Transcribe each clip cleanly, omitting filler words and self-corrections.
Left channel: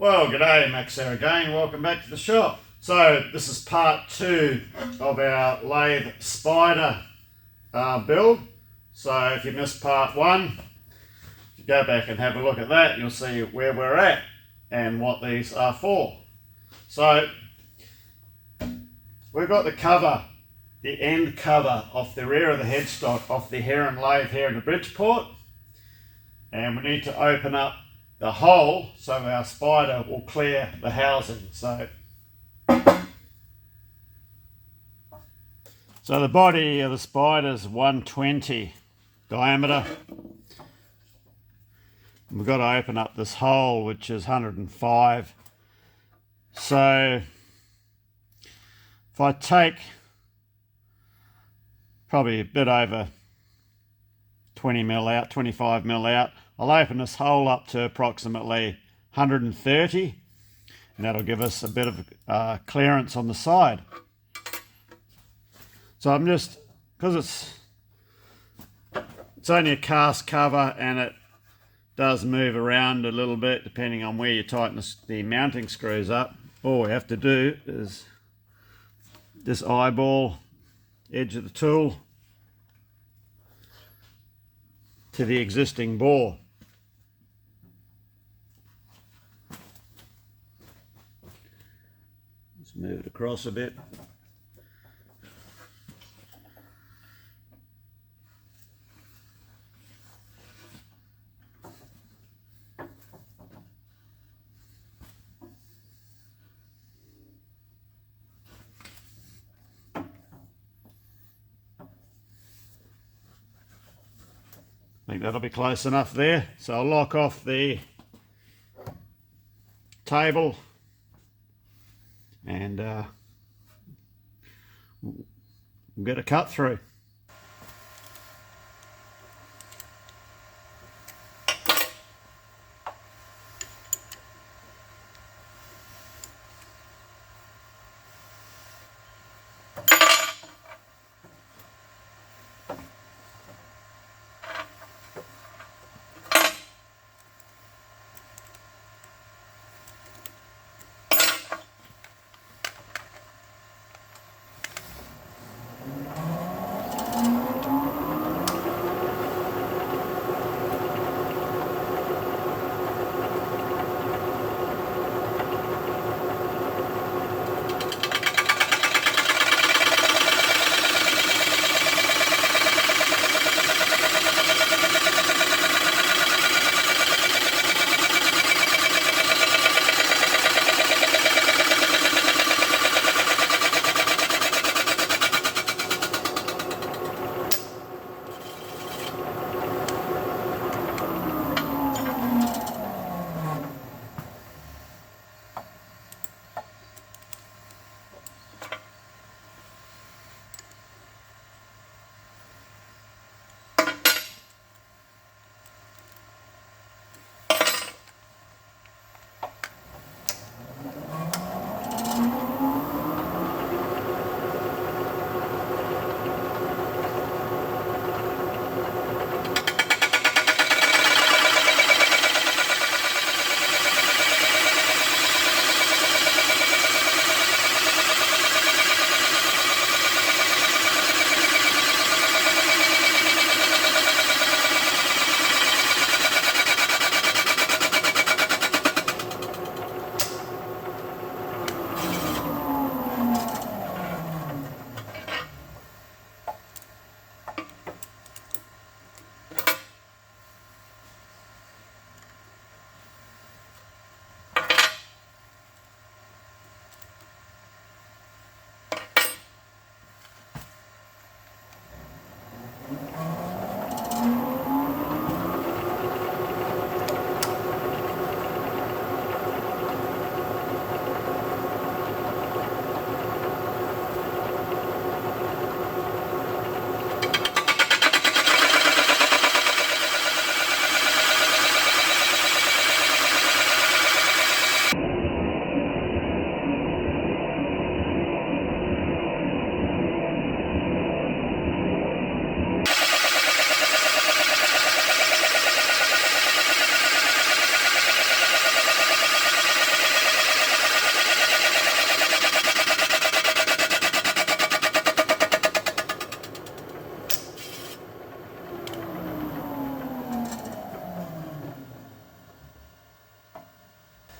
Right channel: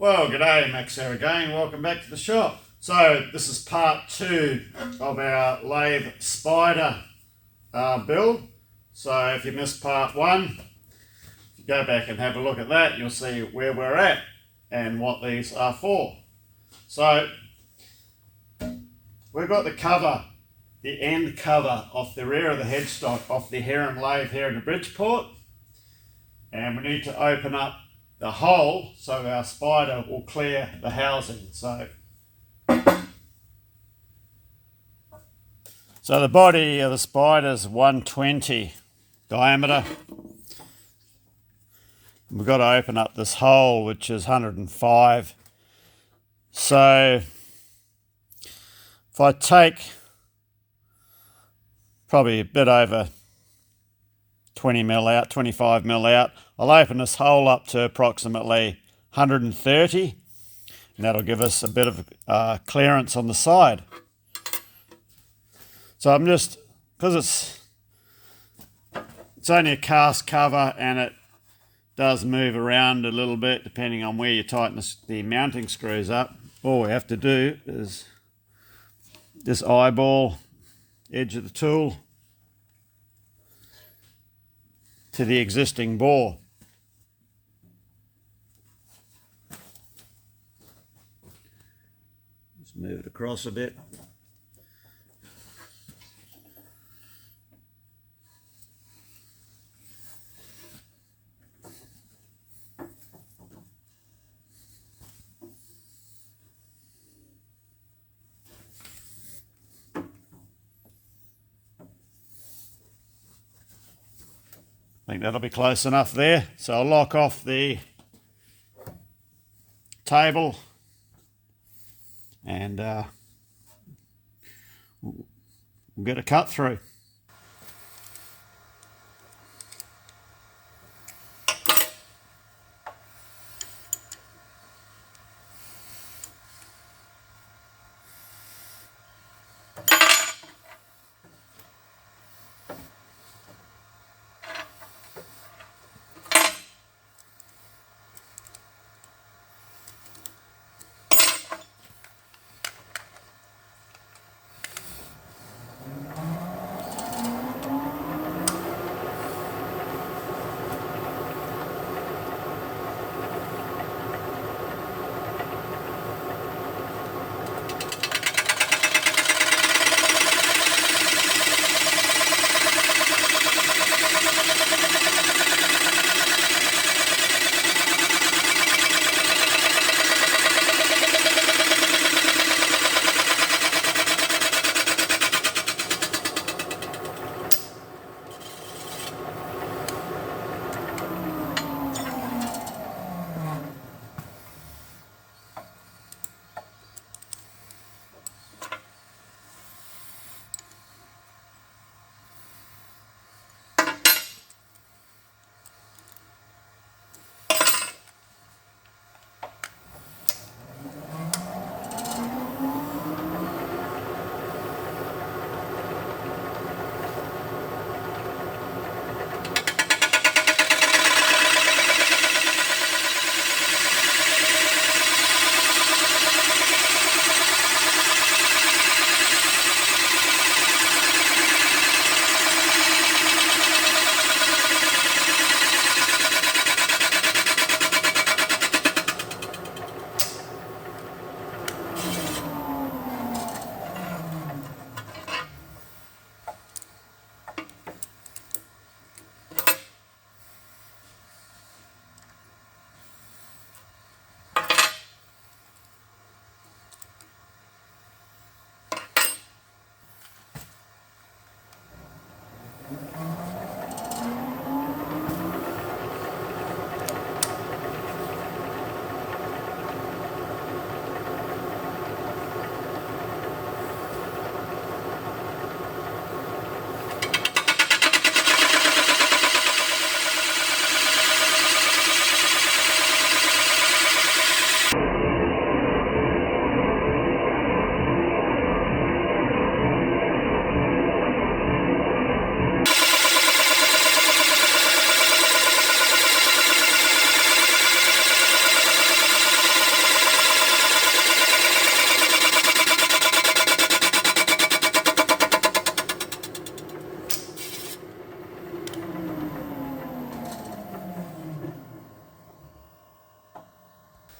Well, g'day, Max here again. Welcome back to the shop. So this is part 2 of our lathe spider build. So if you missed part 1, if you go back and have a look at that, you'll see where we're at and what these are for. So we've got the cover, the end cover off the rear of the headstock off the Herron lathe here in the Bridgeport, and we need to open up the hole so our spider will clear the housing. So the body of the spider is 120 diameter. We've got to open up this hole, which is 105. So if I take probably a bit over 20 mil out, 25 mil out, I'll open this hole up to approximately 130, and that'll give us a bit of clearance on the side. So I'm just, because it's only a cast cover and it does move around a little bit depending on where you tighten the mounting screws up, all we have to do is just eyeball edge of the tool to the existing bore. Just move it across a bit. I think that'll be close enough there. So I'll lock off the table and we'll get a cut through.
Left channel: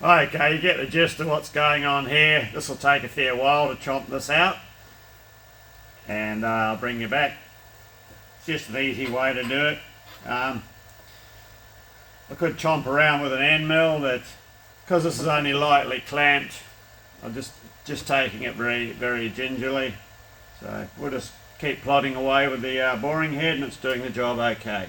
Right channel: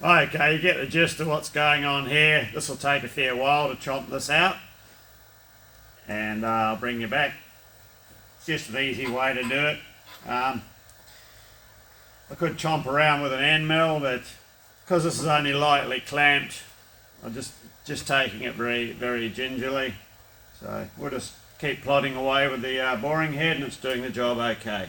Okay, you get the gist of what's going on here. This will take a fair while to chomp this out, and I'll bring you back. It's just an easy way to do it. I could chomp around with an end mill, but because this is only lightly clamped, I'm just taking it very, very gingerly. So we'll just keep plodding away with the boring head, and it's doing the job okay.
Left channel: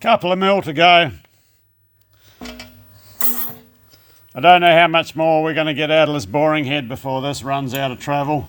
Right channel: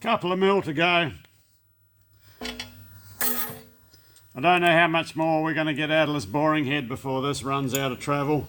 Couple of mil to go. I don't know how much more we're going to get out of this boring head before this runs out of travel.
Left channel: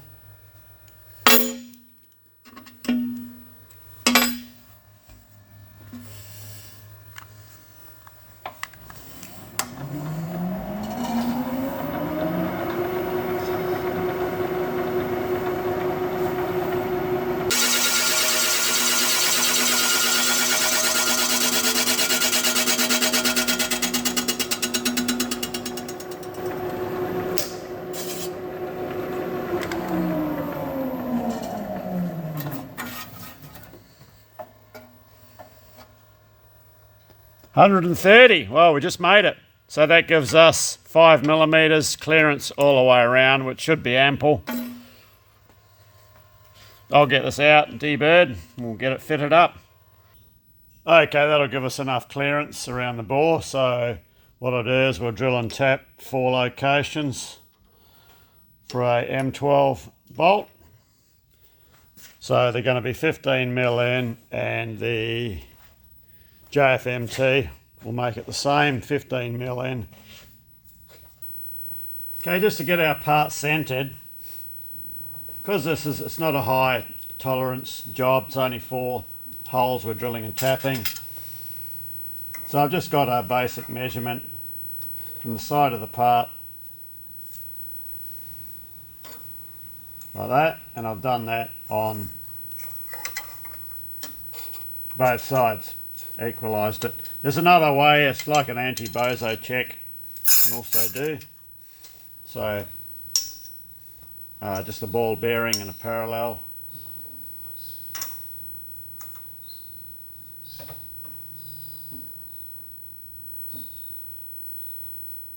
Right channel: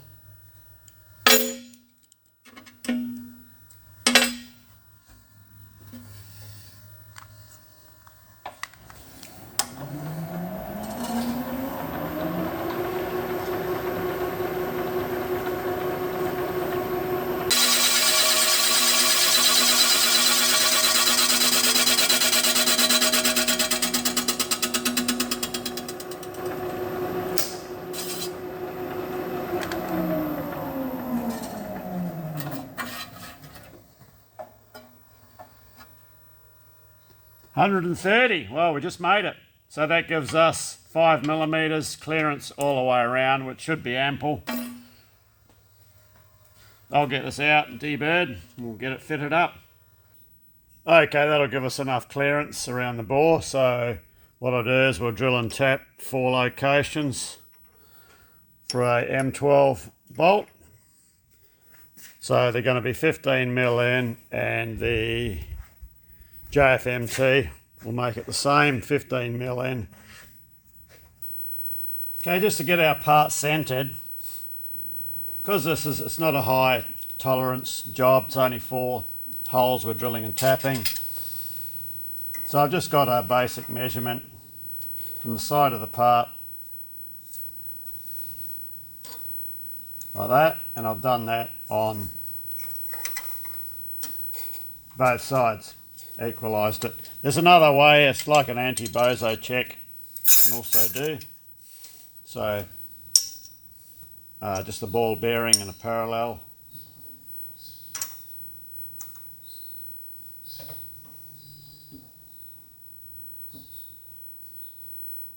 $130. Well, we just made it. So that gives us 5mm clearance all the way around, which should be ample. I'll get this out, debird, we'll get it fitted up. Okay, that'll give us enough clearance around the bore. So what I'll do is we'll drill and tap 4 locations for a M12 bolt. So they're going to be 15mm in, and the JFMT will make it the same, 15mm in. Okay, just to get our part centered, because it's not a high tolerance job, it's only 4 holes we're drilling and tapping. So I've just got a basic measurement from the side of the part, like that, and I've done that on both sides. Equalised it. There's another way, it's like an anti-bozo check, you can also do. So just a ball bearing and a parallel.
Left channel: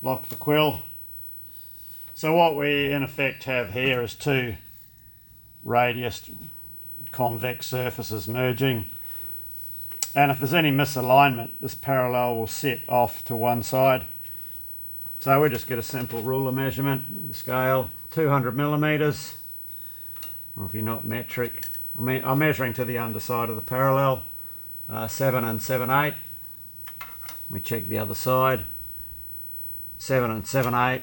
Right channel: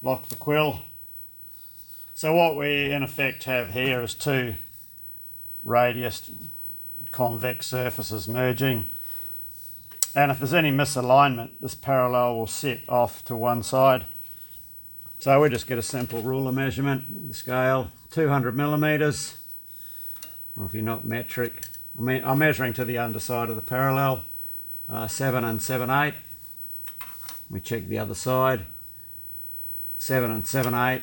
Lock the quill. So what we in effect have here is 2 radius convex surfaces merging. And if there's any misalignment, this parallel will sit off to one side. So we'll just get a simple ruler measurement, the scale, 200mm. Or if you're not metric, I'm measuring to the underside of the parallel, 7 7/8. We check the other side, 7 7/8.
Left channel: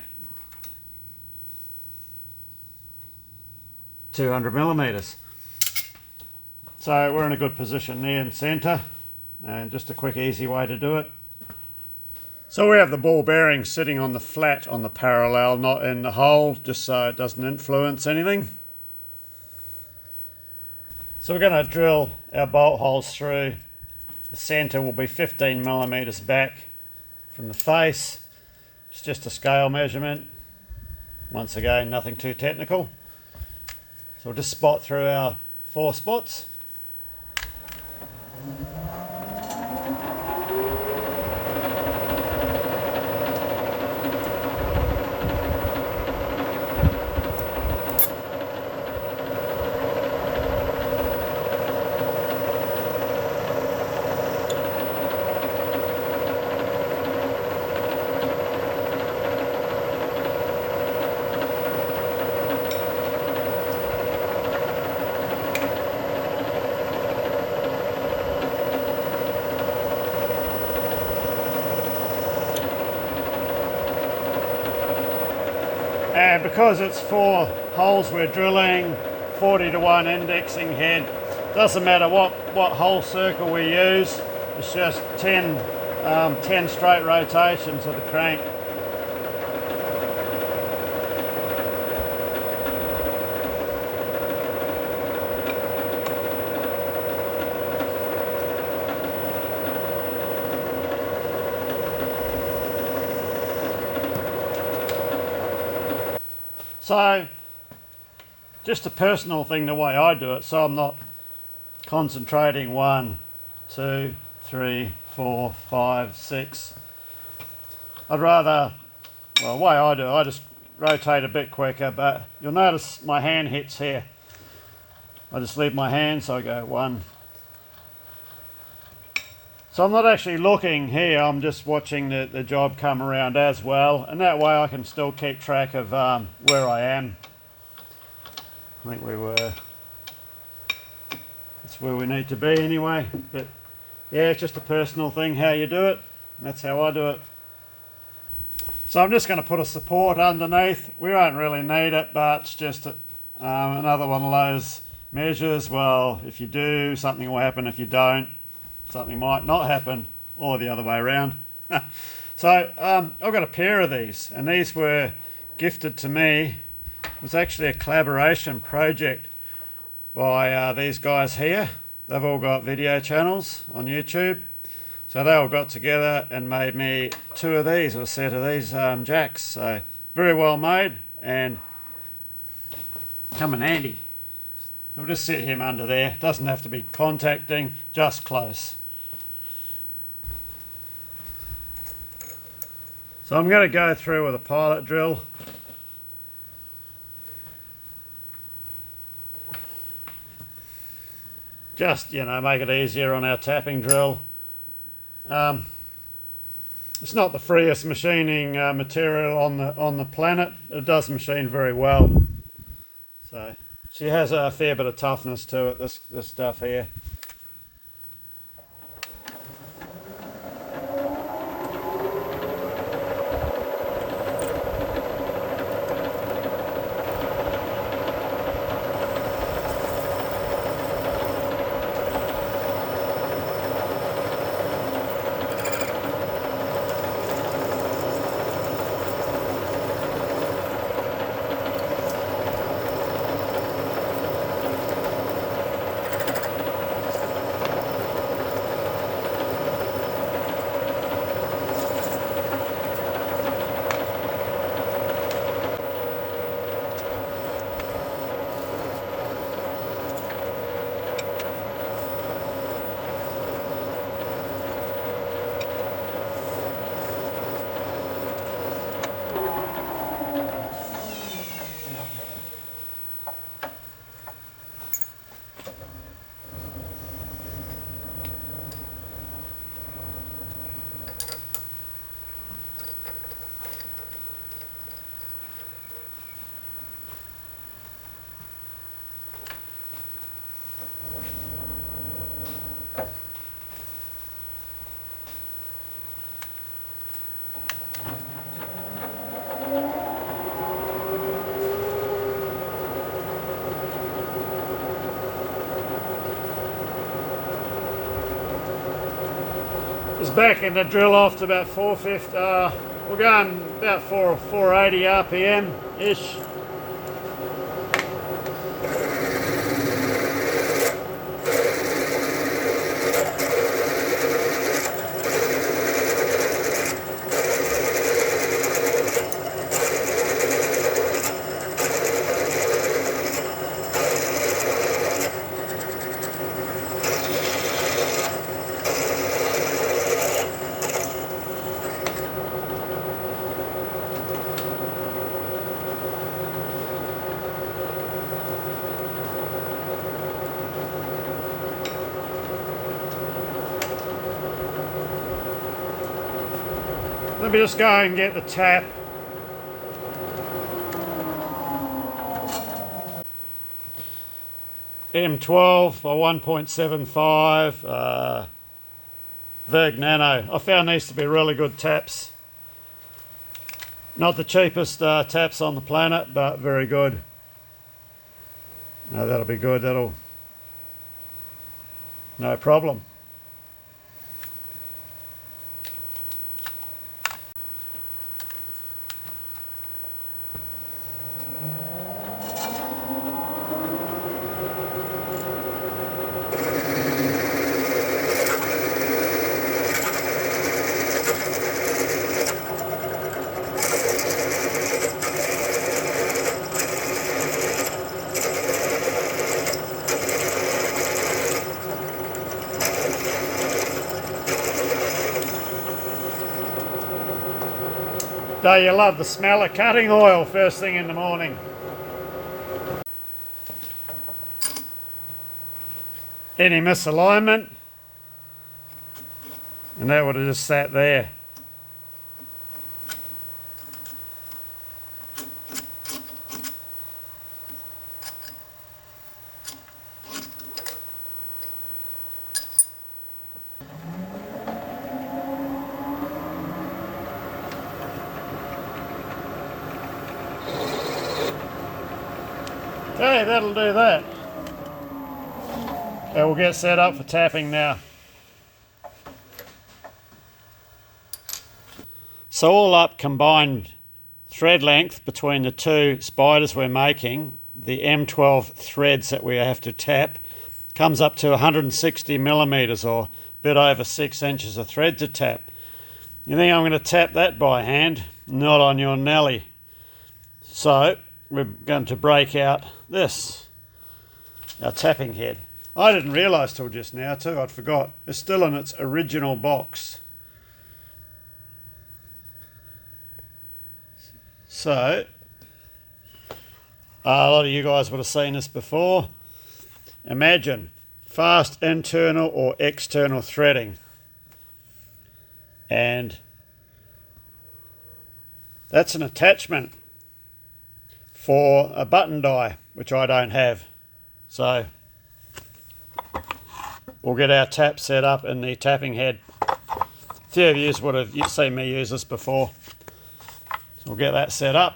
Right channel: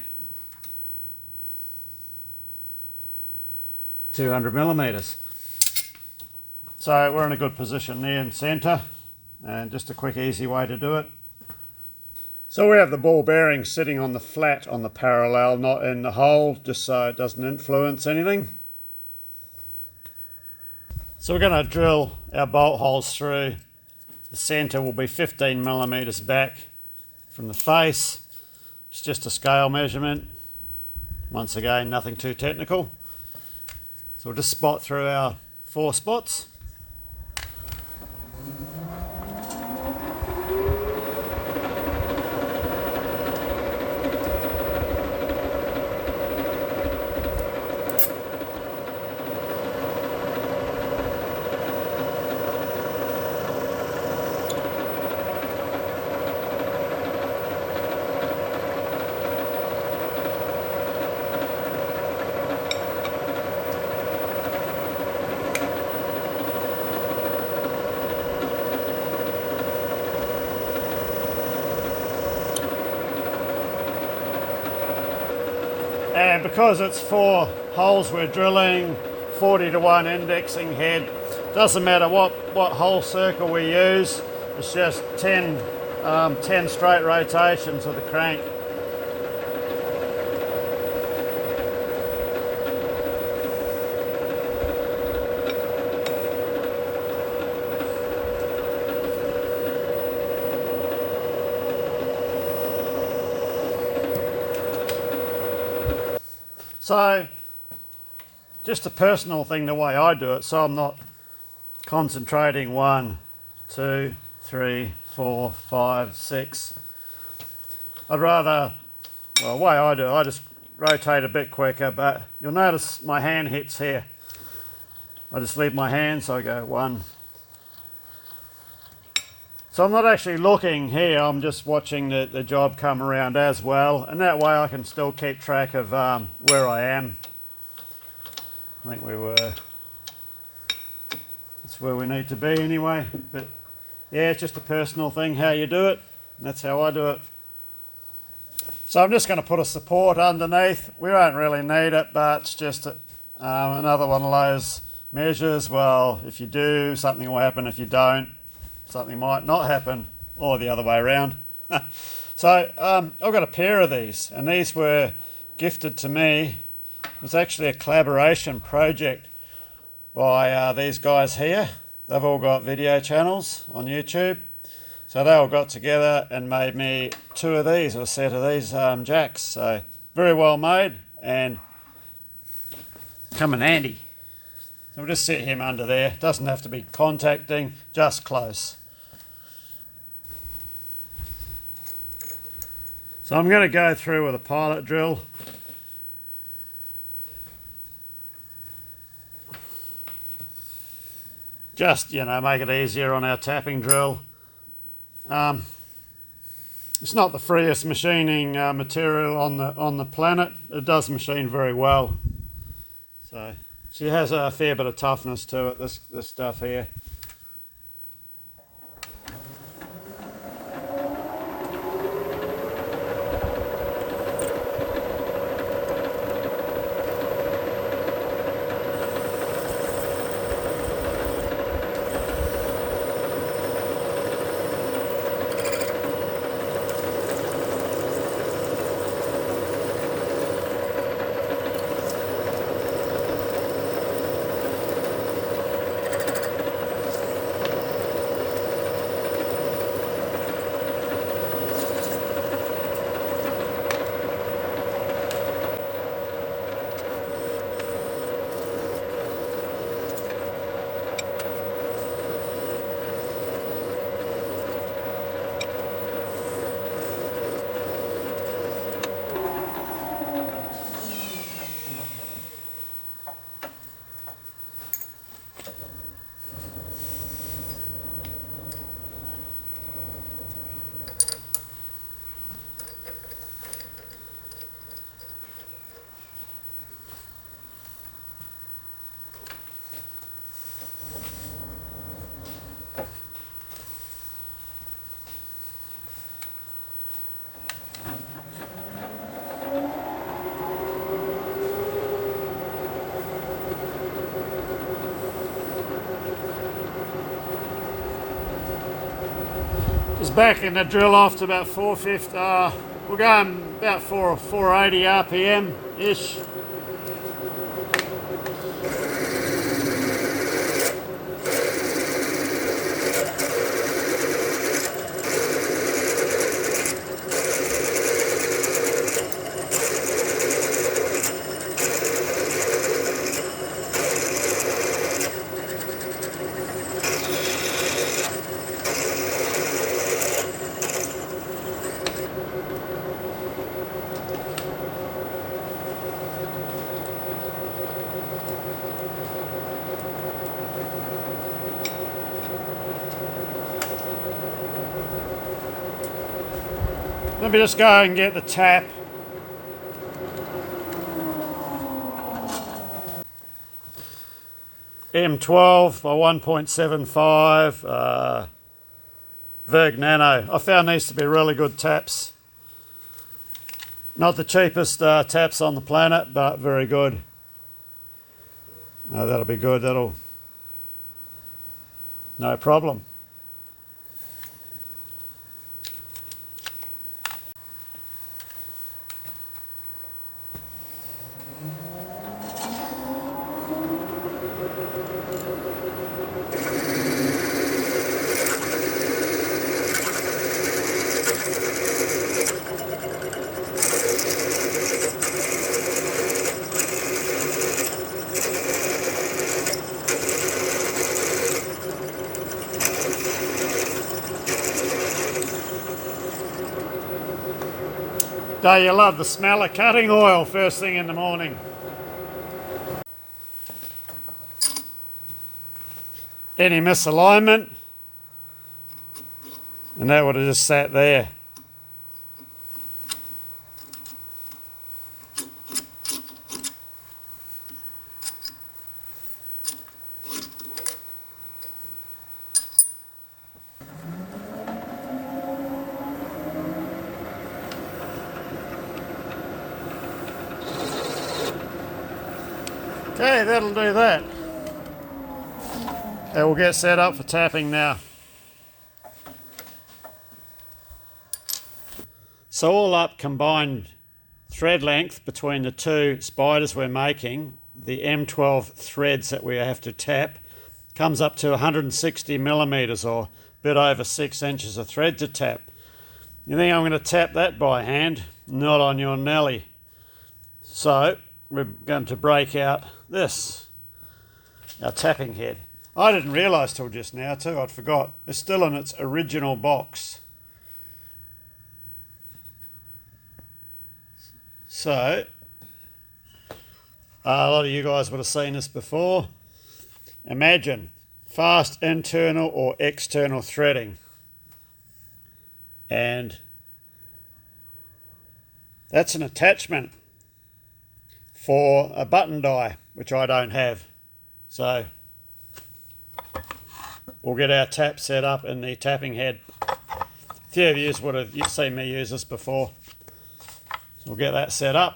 200mm. So we're in a good position there in centre, and just a quick easy way to do it. So we have the ball bearing sitting on the flat on the parallel, not in the hole, just so it doesn't influence anything. So we're going to drill our bolt holes through. The centre will be 15mm back from the face. It's just a scale measurement. Once again, nothing too technical. So we'll just spot through our 4 spots. And because it's 4 holes we're drilling, 40-to-1 indexing head, doesn't matter what hole circle we use, it's just 10 straight rotations of the crank. So, just a personal thing the way I do it, so I'm not concentrating 1, 2, 3, 4, 5, 6. I'd rather, well, the way I do it, I just rotate a bit quicker, but you'll notice my hand hits here. I just leave my hand, so I go 1. So I'm not actually looking here, I'm just watching the job come around as well, and that way I can still keep track of where I am. I think that's where we need to be anyway, but yeah, it's just a personal thing how you do it, and that's how I do it. So I'm just going to put a support underneath. We won't really need it, but it's just another one of those measures. Well, if you do, something will happen. If you don't, something might not happen, or the other way around. So I've got a pair of these, and these were gifted to me. It was actually a collaboration project by these guys here. They've all got video channels on YouTube. So they all got together and made me 2 of these, or a set of these jacks. So very well made and come in handy. So we'll just set him under there. Doesn't have to be contacting, just close. So I'm going to go through with a pilot drill. Just, make it easier on our tapping drill. It's not the freest machining material on the planet. It does machine very well. So she has a fair bit of toughness to it, this stuff here. Just backing the drill off to about 450. We're going about 480 RPM ish. Let me just go and get the tap. M12 by 1.75 Verg Nano. I found these to be really good taps. Not the cheapest taps on the planet, but very good. No, that'll be good. That'll... no problem. Don't you love the smell of cutting oil first thing in the morning? Any misalignment, and that would have just sat there. Okay, that'll do that. And we'll get set up for tapping now. So all up, combined thread length between the two spiders we're making, the M12 threads that we have to tap, comes up to 160 millimeters, or a bit over 6 inches of thread to tap. You think I'm going to tap that by hand? Not on your Nelly. So we're going to break out this, our tapping head. I didn't realise till just now too, I'd forgot. It's still in its original box. So, a lot of you guys would have seen this before. Imagine fast internal or external threading. And that's an attachment for a button die, which I don't have. So we'll get our tap set up in the tapping head. A few of you would have seen me use this before. We'll get that set up.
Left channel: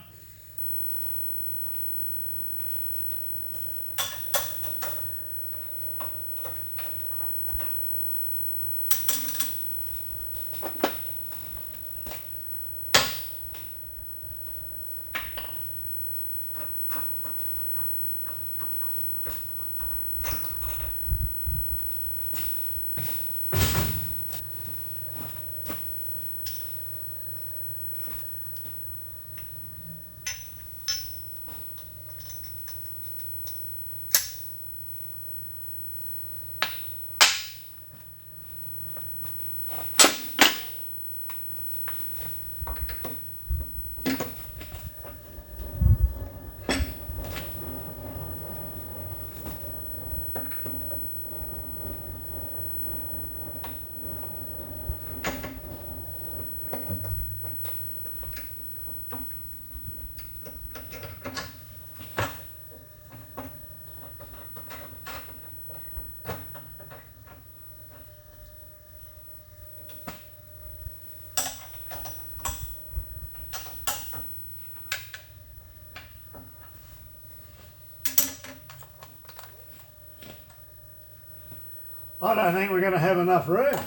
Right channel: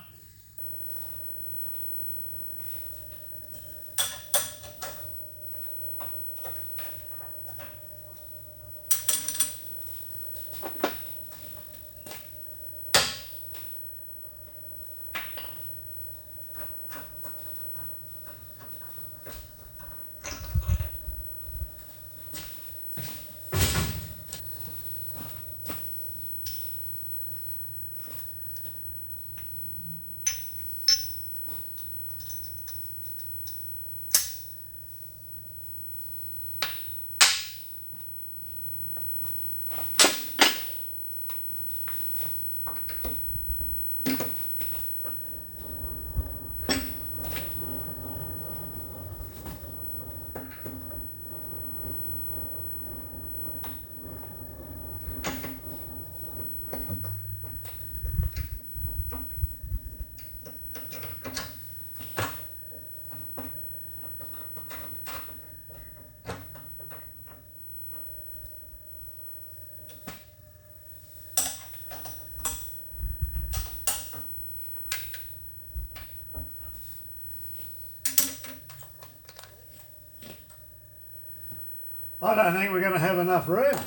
I don't think we're going to have enough room.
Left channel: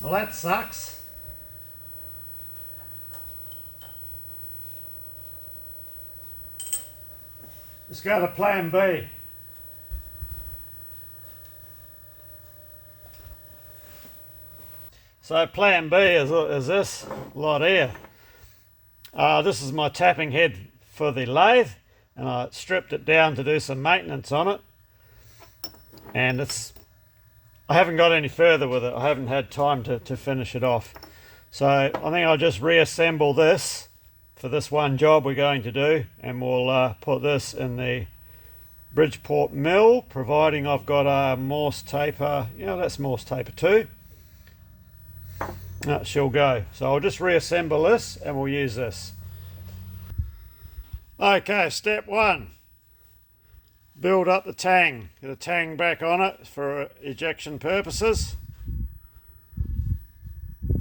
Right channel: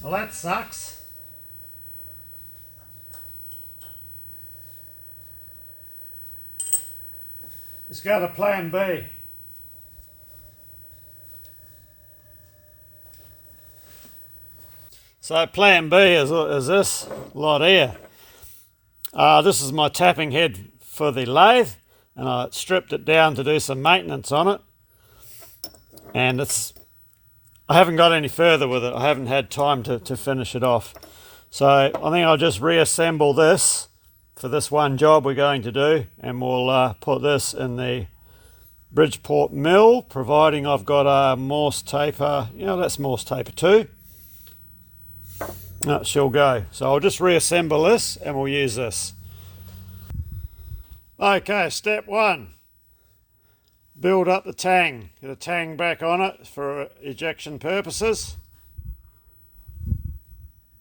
Well, that sucks. Let's go to plan B. So plan B is this lot here. This is my tapping head for the lathe, and I stripped it down to do some maintenance on it. And I haven't got any further with it. I haven't had time to finish it off. So I think I'll just reassemble this for this one job we're going to do, and we'll put this in the Bridgeport mill, providing I've got a Morse taper. That's Morse taper 2. That she'll go. So I'll just reassemble this and we'll use this. Okay, step 1. Build up the tang. Get a tang back on it for ejection purposes.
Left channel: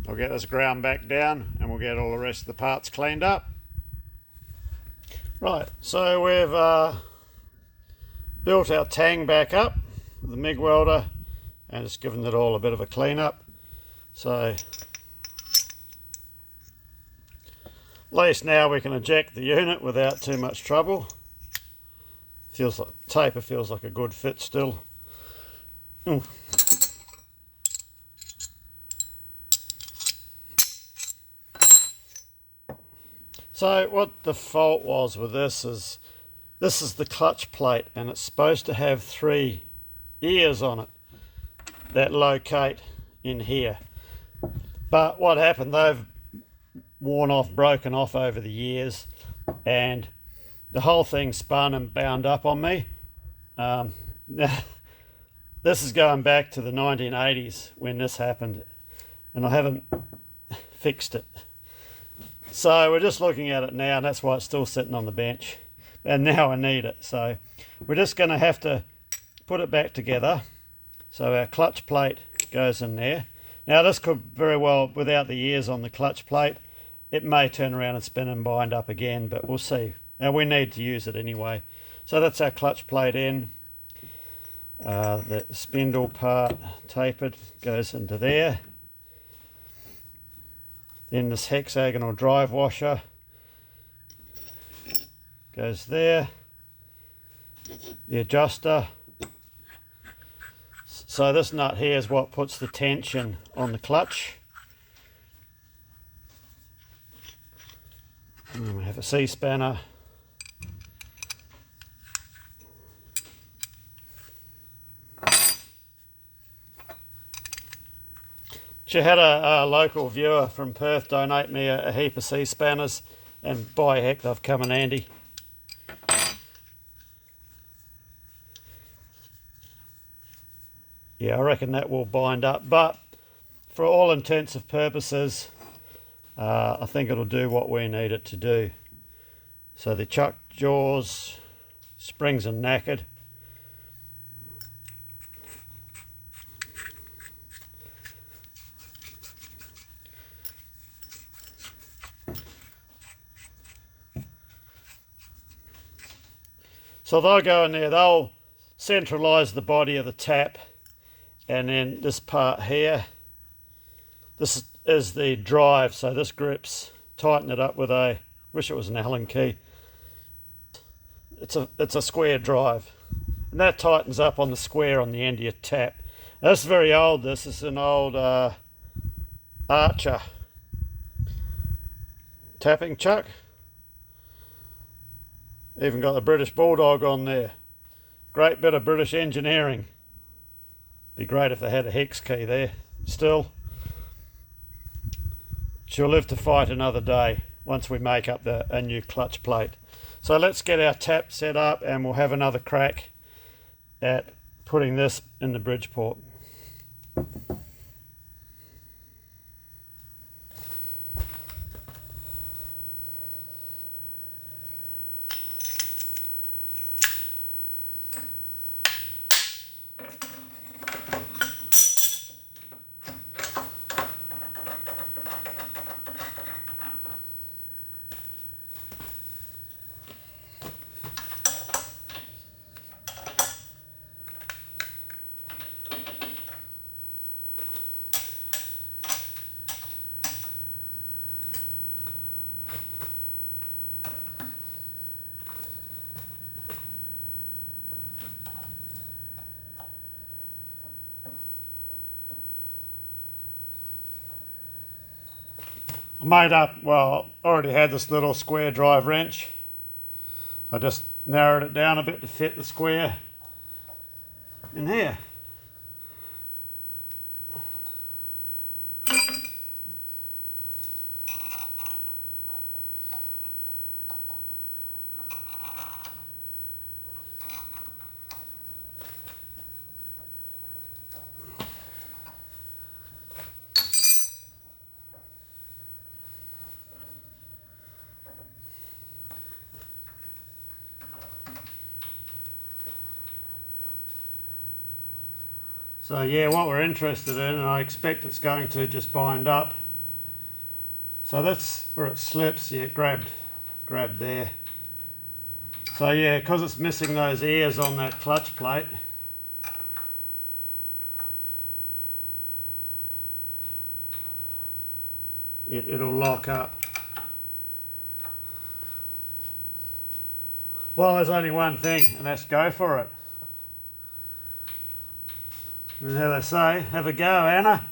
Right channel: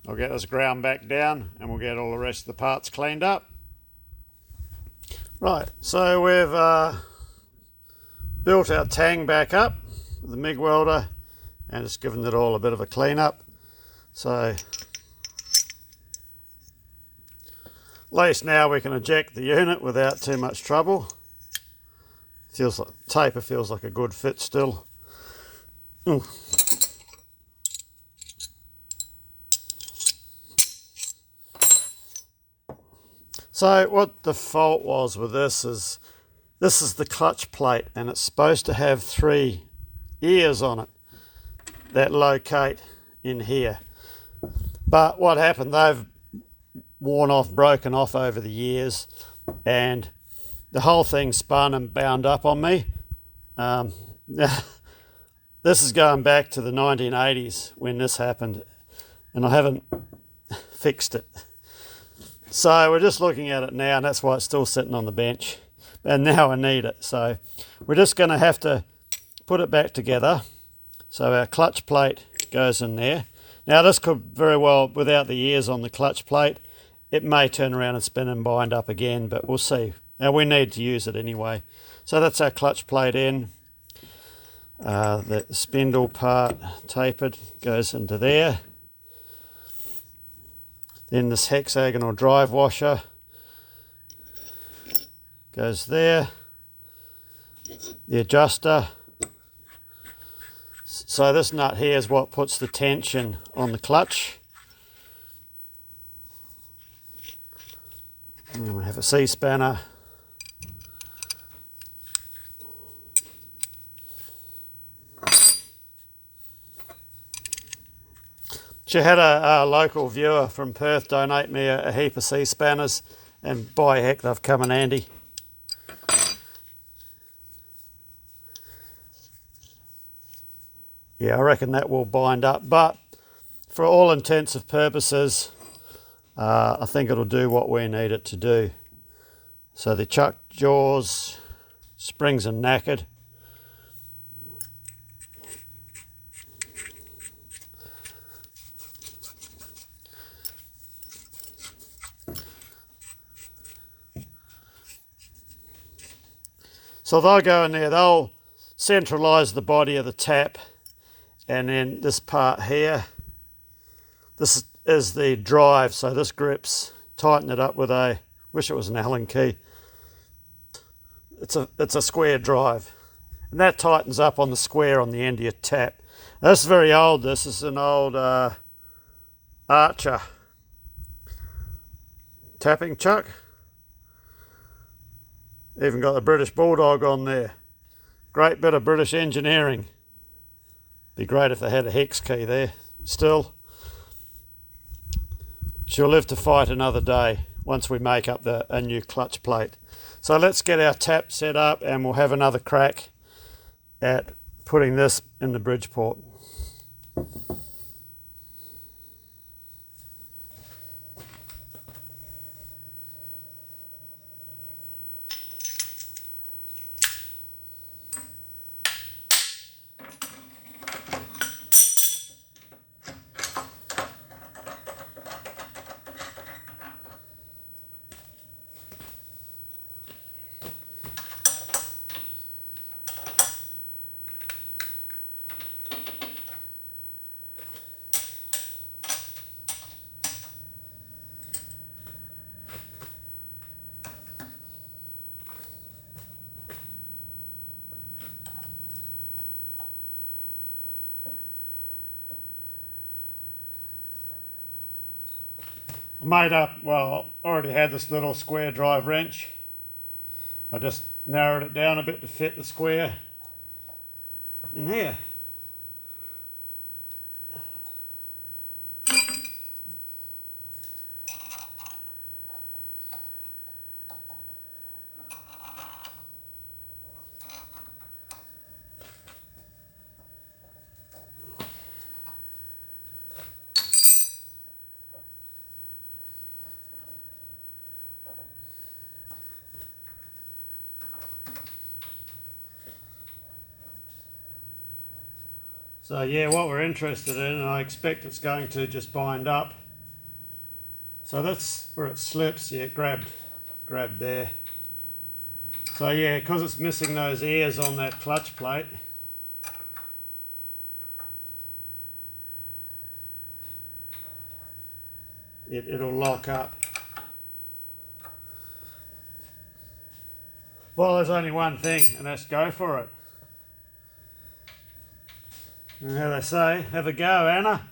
I'll get this ground back down and we'll get all the rest of the parts cleaned up. Right, so we've built our tang back up with the MIG welder and just given it all a bit of a clean up. So at least now we can eject the unit without too much trouble. Feels like taper feels like a good fit still. So what the fault was with this is the clutch plate, and it's supposed to have 3 ears on it that locate in here. But what happened, they've worn off, broken off over the years, and the whole thing spun and bound up on me. This is going back to the 1980s when this happened, and I haven't fixed it. So we're just looking at it now, and that's why it's still sitting on the bench. And now I need it. So we're just going to have to put it back together. So our clutch plate goes in there. Now this could very well, without the ears on the clutch plate, it may turn around and spin and bind up again, but we'll see. Now we need to use it anyway. So that's our clutch plate in. The spindle part tapered goes into there. Then this hexagonal drive washer goes there. The adjuster. So this nut here is what puts the tension on the clutch. And we have a C-spanner. She had a local viewer from Perth donate me a heap of C-spanners, and by heck they've come in handy. Yeah, I reckon that will bind up, but for all intents and purposes, I think it'll do what we need it to do. So the chuck jaws, springs are knackered. So they'll go in there, they'll centralise the body of the tap, and then this part here, this is the drive, so this grips, tighten it up with a, wish it was an Allen key. It's a square drive, and that tightens up on the square on the end of your tap. Now, this is very old, this is an old Archer tapping chuck. Even got the British Bulldog on there. Great bit of British engineering. Be great if they had a hex key there. Still, she'll live to fight another day once we make up a new clutch plate. So let's get our tap set up and we'll have another crack at putting this in the Bridgeport. I made up, well, I already had this little square drive wrench. I just narrowed it down a bit to fit the square in here. So yeah, what we're interested in, and I expect it's going to just bind up. So that's where it slips. Yeah, grabbed there. So yeah, because it's missing those ears on that clutch plate, it'll lock up. Well, there's only one thing, and that's go for it. And how they say, have a go, Anna.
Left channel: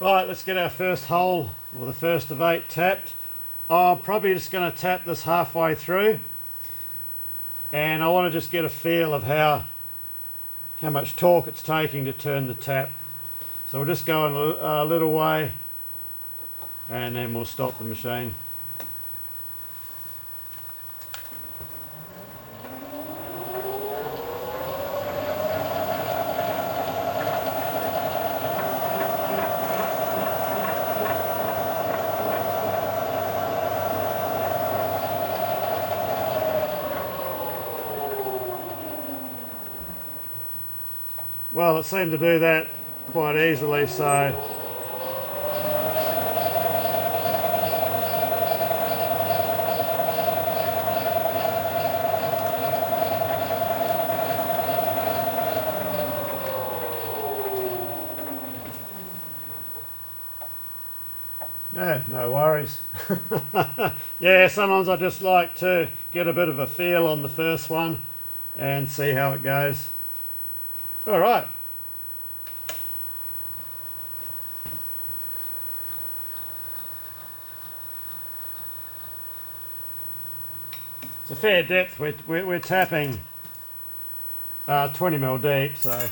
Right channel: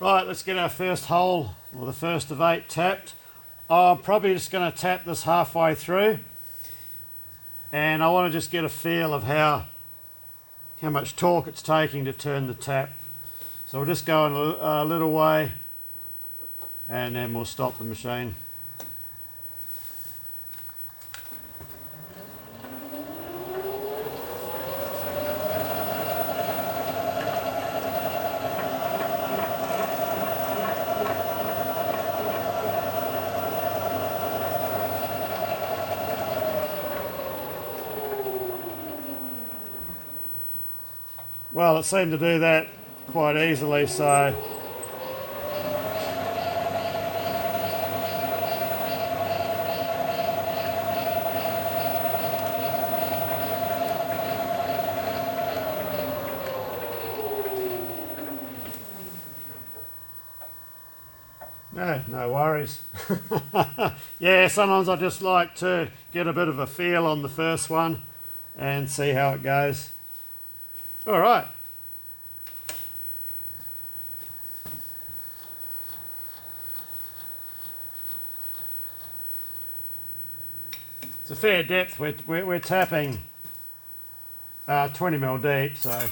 Right, let's get our first hole, or the first of 8, tapped. I'm probably just going to tap this halfway through, and I want to just get a feel of how much torque it's taking to turn the tap. So we'll just go a little way, and then we'll stop the machine. Well, it seemed to do that quite easily, so yeah, no worries. Yeah, sometimes I just like to get a bit of a feel on the first one and see how it goes. All right. It's a fair depth. We're tapping 20 mil deep, so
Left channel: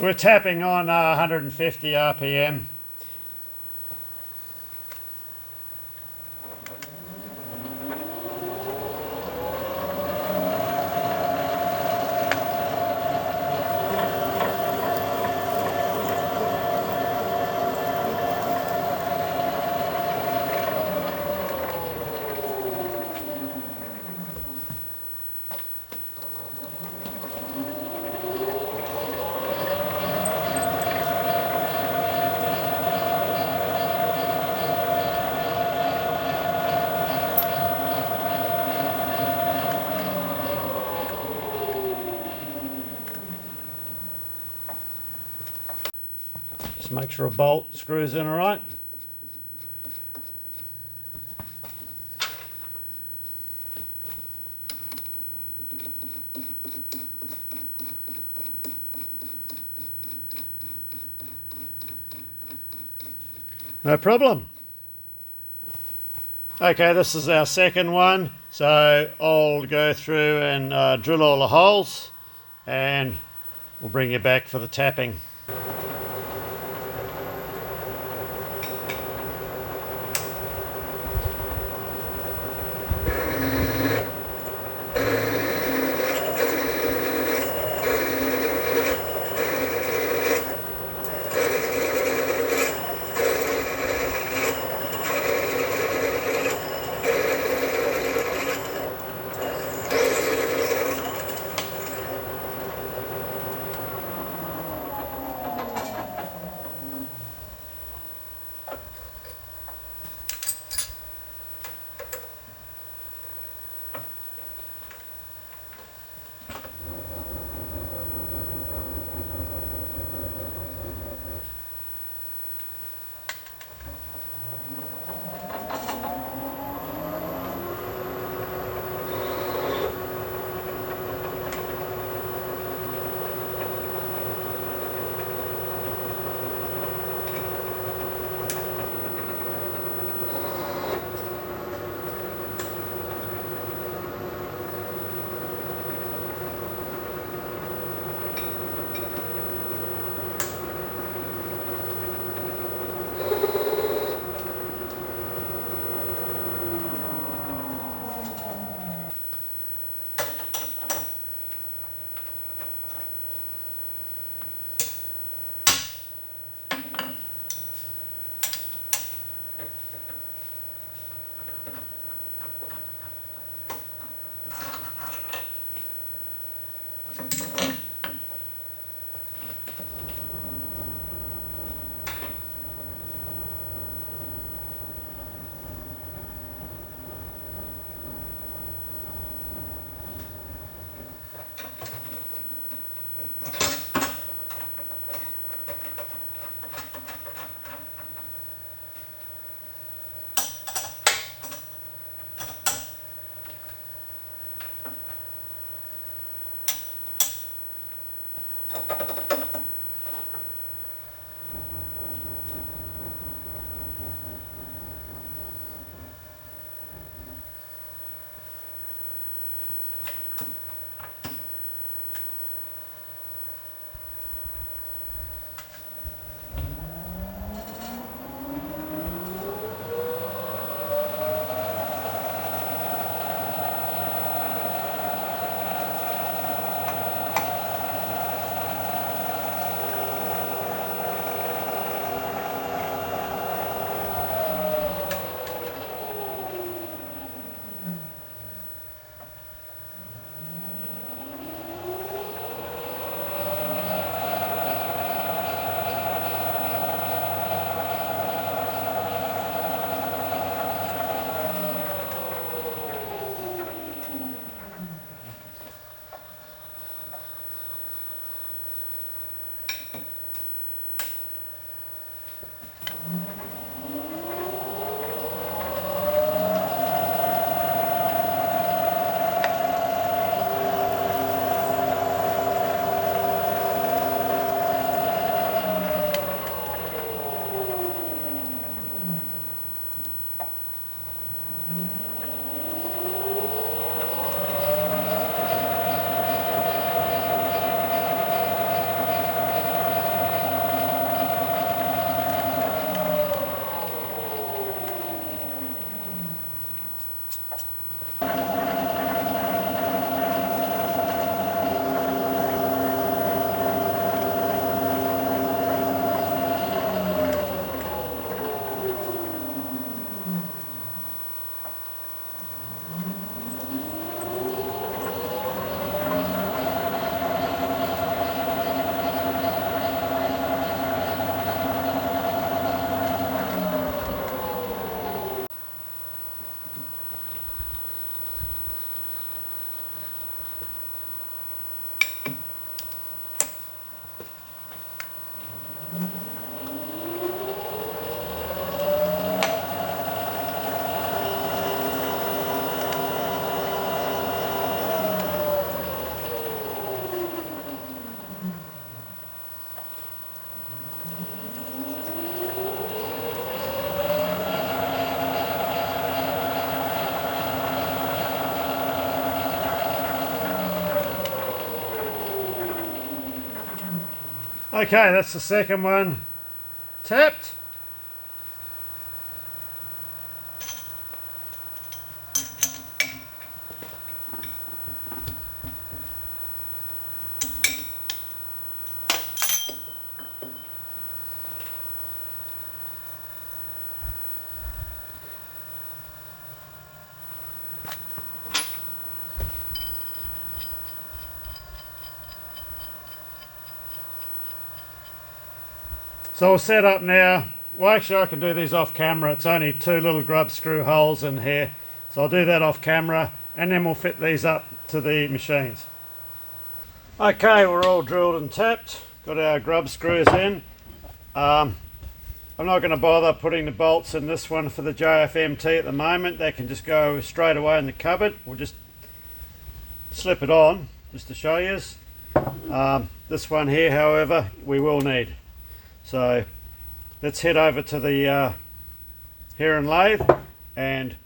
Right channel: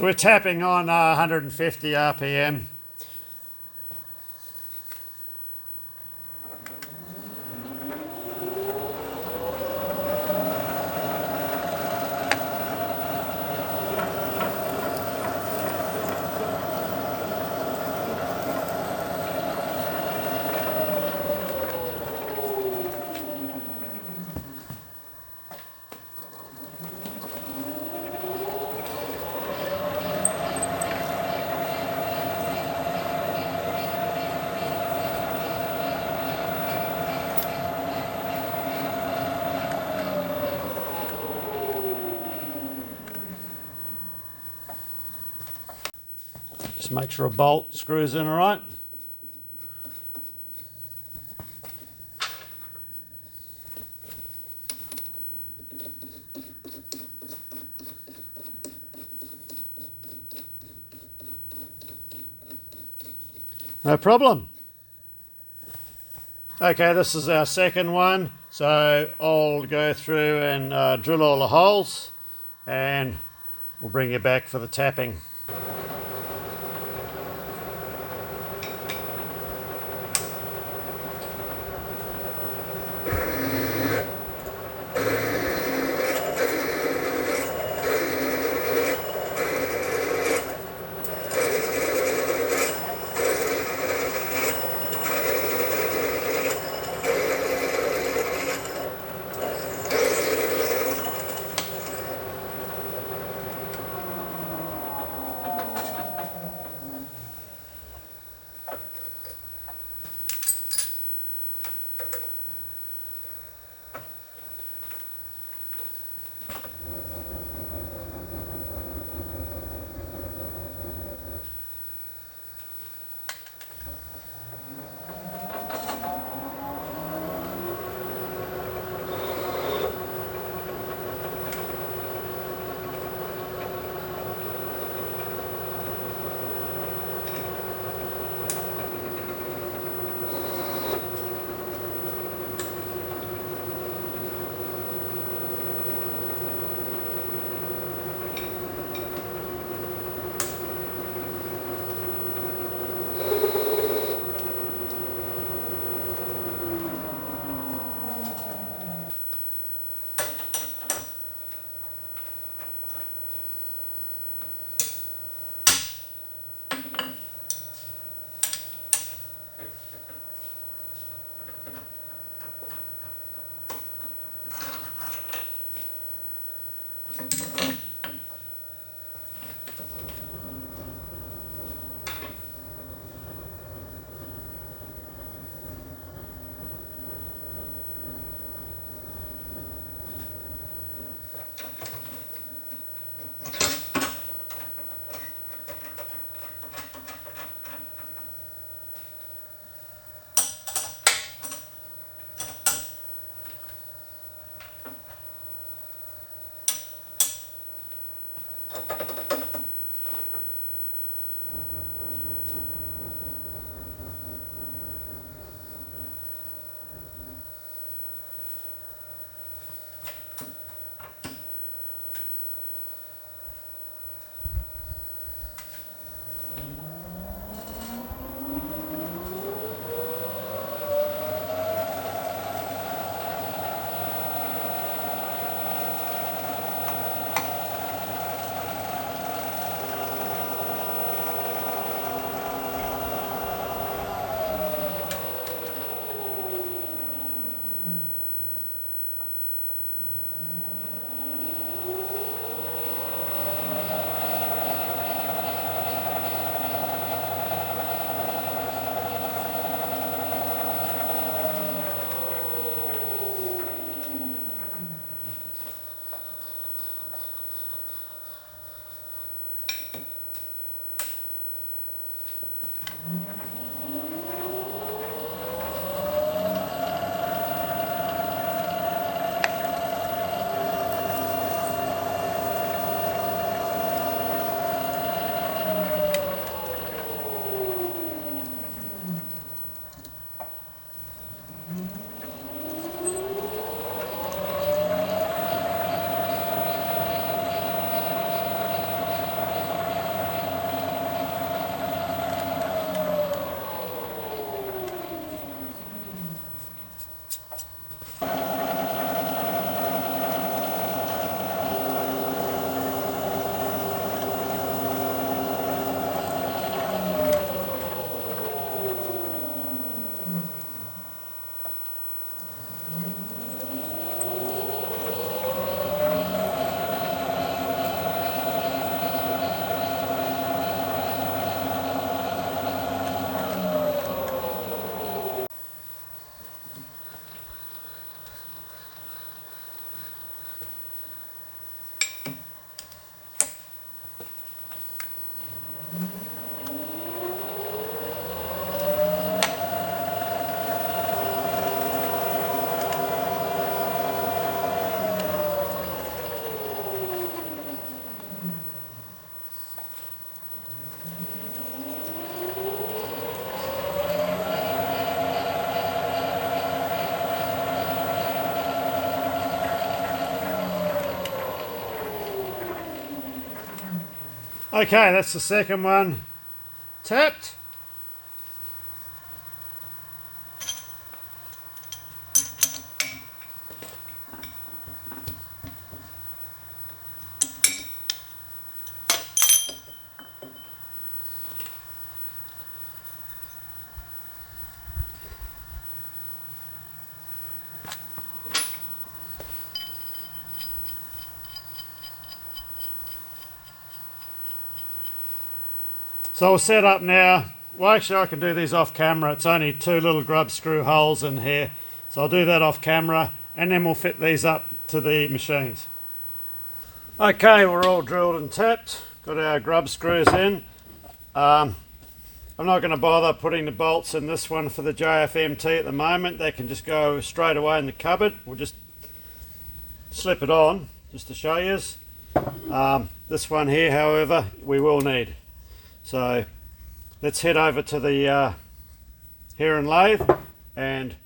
we're tapping on 150 RPM. Just make sure a bolt screws in all right. No problem. Okay, this is our second one, so I'll go through and drill all the holes, and we'll bring you back for the tapping. Okay, that's the second one tapped. So we'll set up now. Well, actually I can do these off camera. It's only 2 little grub screw holes in here. So I'll do that off camera and then we'll fit these up to the machines. Okay, we're all drilled and tapped. Got our grub screws in. I'm not going to bother putting the bolts in this one for the JFMT at the moment. They can just go straight away in the cupboard. We'll just slip it on just to show you. This one here, however, we will need. So let's head over to the Herron lathe and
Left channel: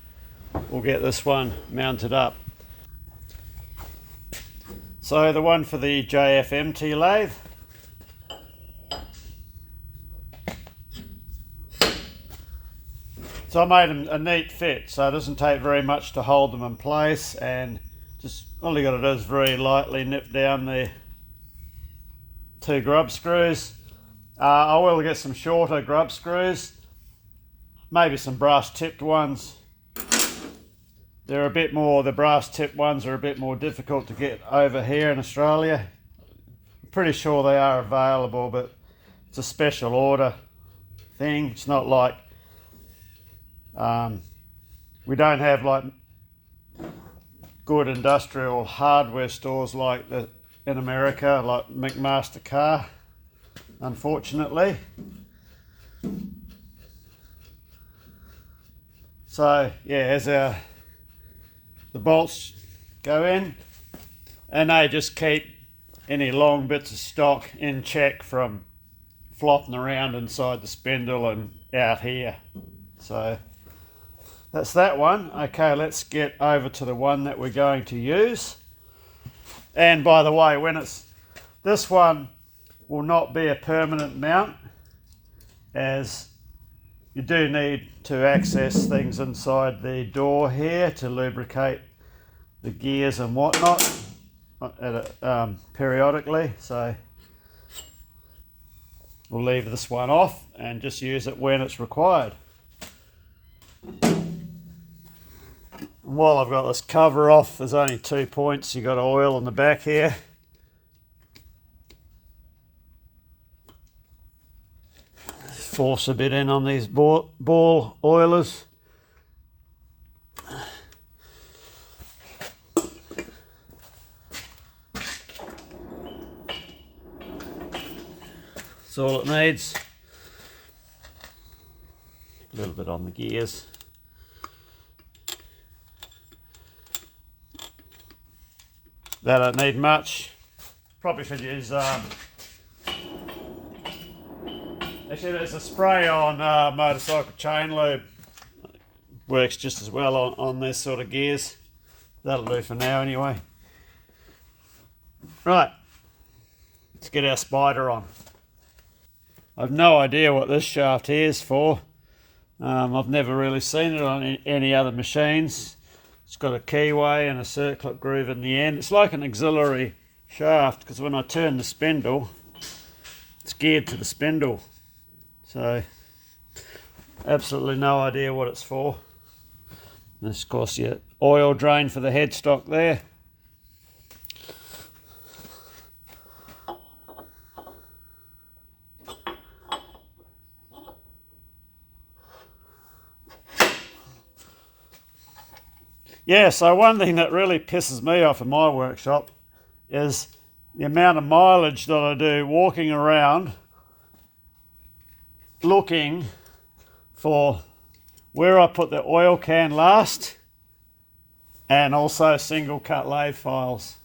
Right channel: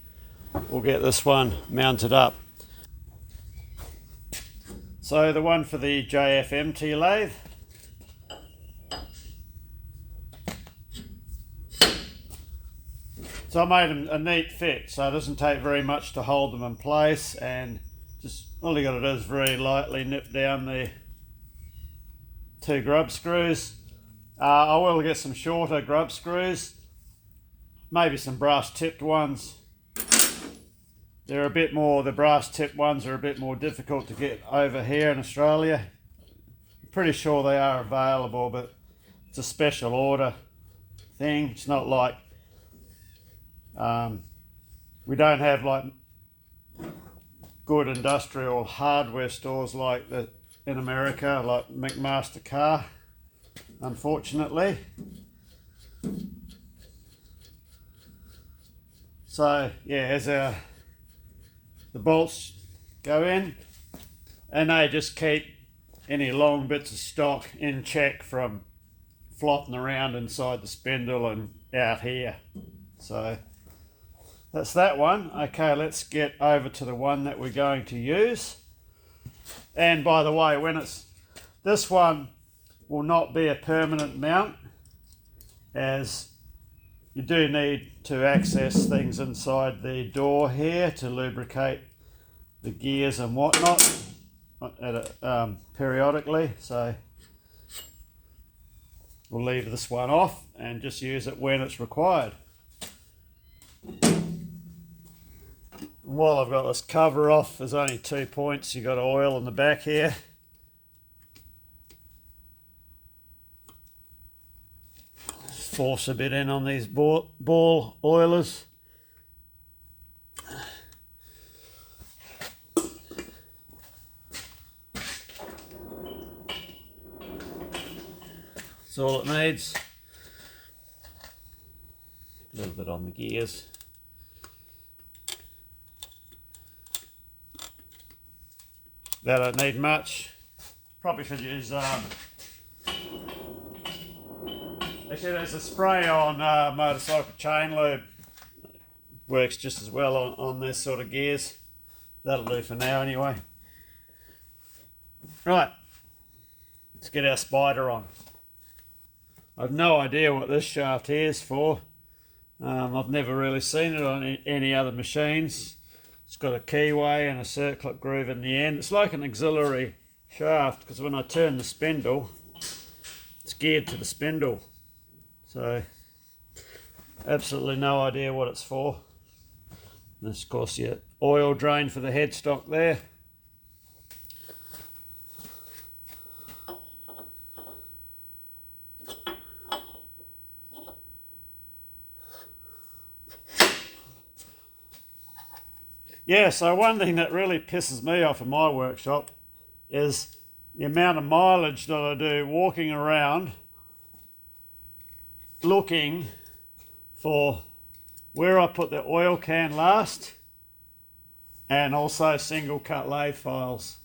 we'll get this one mounted up. So the one for the JFMT lathe, so I made a neat fit, so it doesn't take very much to hold them in place, and just all you got to do is very lightly nip down the 2 grub screws. I will get some shorter grub screws, maybe some brass tipped ones. They're a bit more, the brass tipped ones are a bit more difficult to get over here in Australia. I'm pretty sure they are available, but it's a special order thing. It's not like, we don't have like good industrial hardware stores like that in America, like McMaster Car, unfortunately. So yeah, as the bolts go in, and they just keep any long bits of stock in check from flopping around inside the spindle and out here. So that's that one. Okay, let's get over to the one that we're going to use. And by the way, this one will not be a permanent mount, as you do need to access things inside the door here to lubricate the gears and whatnot periodically. So we'll leave this one off and just use it when it's required. While I've got this cover off, there's only 2 points. You've got oil on the back here. Force a bit in on these ball oilers. That's all it needs. A little bit on the gears. That don't need much. Probably should use actually there's a spray on motorcycle chain lube. Works just as well on this sort of gears. That'll do for now anyway. Right, let's get our spider on. I've no idea what this shaft here is for. I've never really seen it on any other machines. It's got a keyway and a circlip groove in the end. It's like an auxiliary shaft, because when I turn the spindle, it's geared to the spindle. So, absolutely no idea what it's for. This, of course, your oil drain for the headstock there. Yeah, so one thing that really pisses me off in my workshop is the amount of mileage that I do walking around looking for where I put the oil can last, and also single cut lathe files.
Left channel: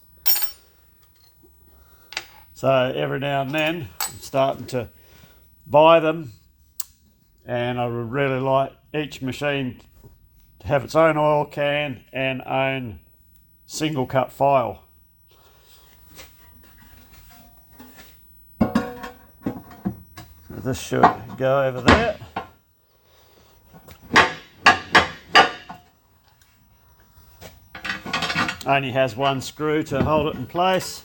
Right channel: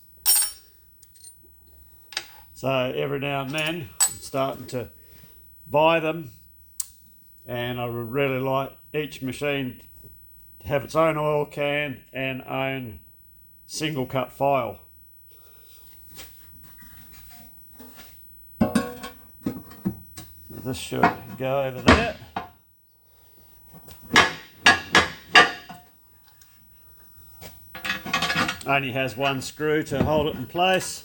So every now and then I'm starting to buy them, and I would really like each machine to have its own oil can and own single cut file. this should go over there. Only has one screw to hold it in place.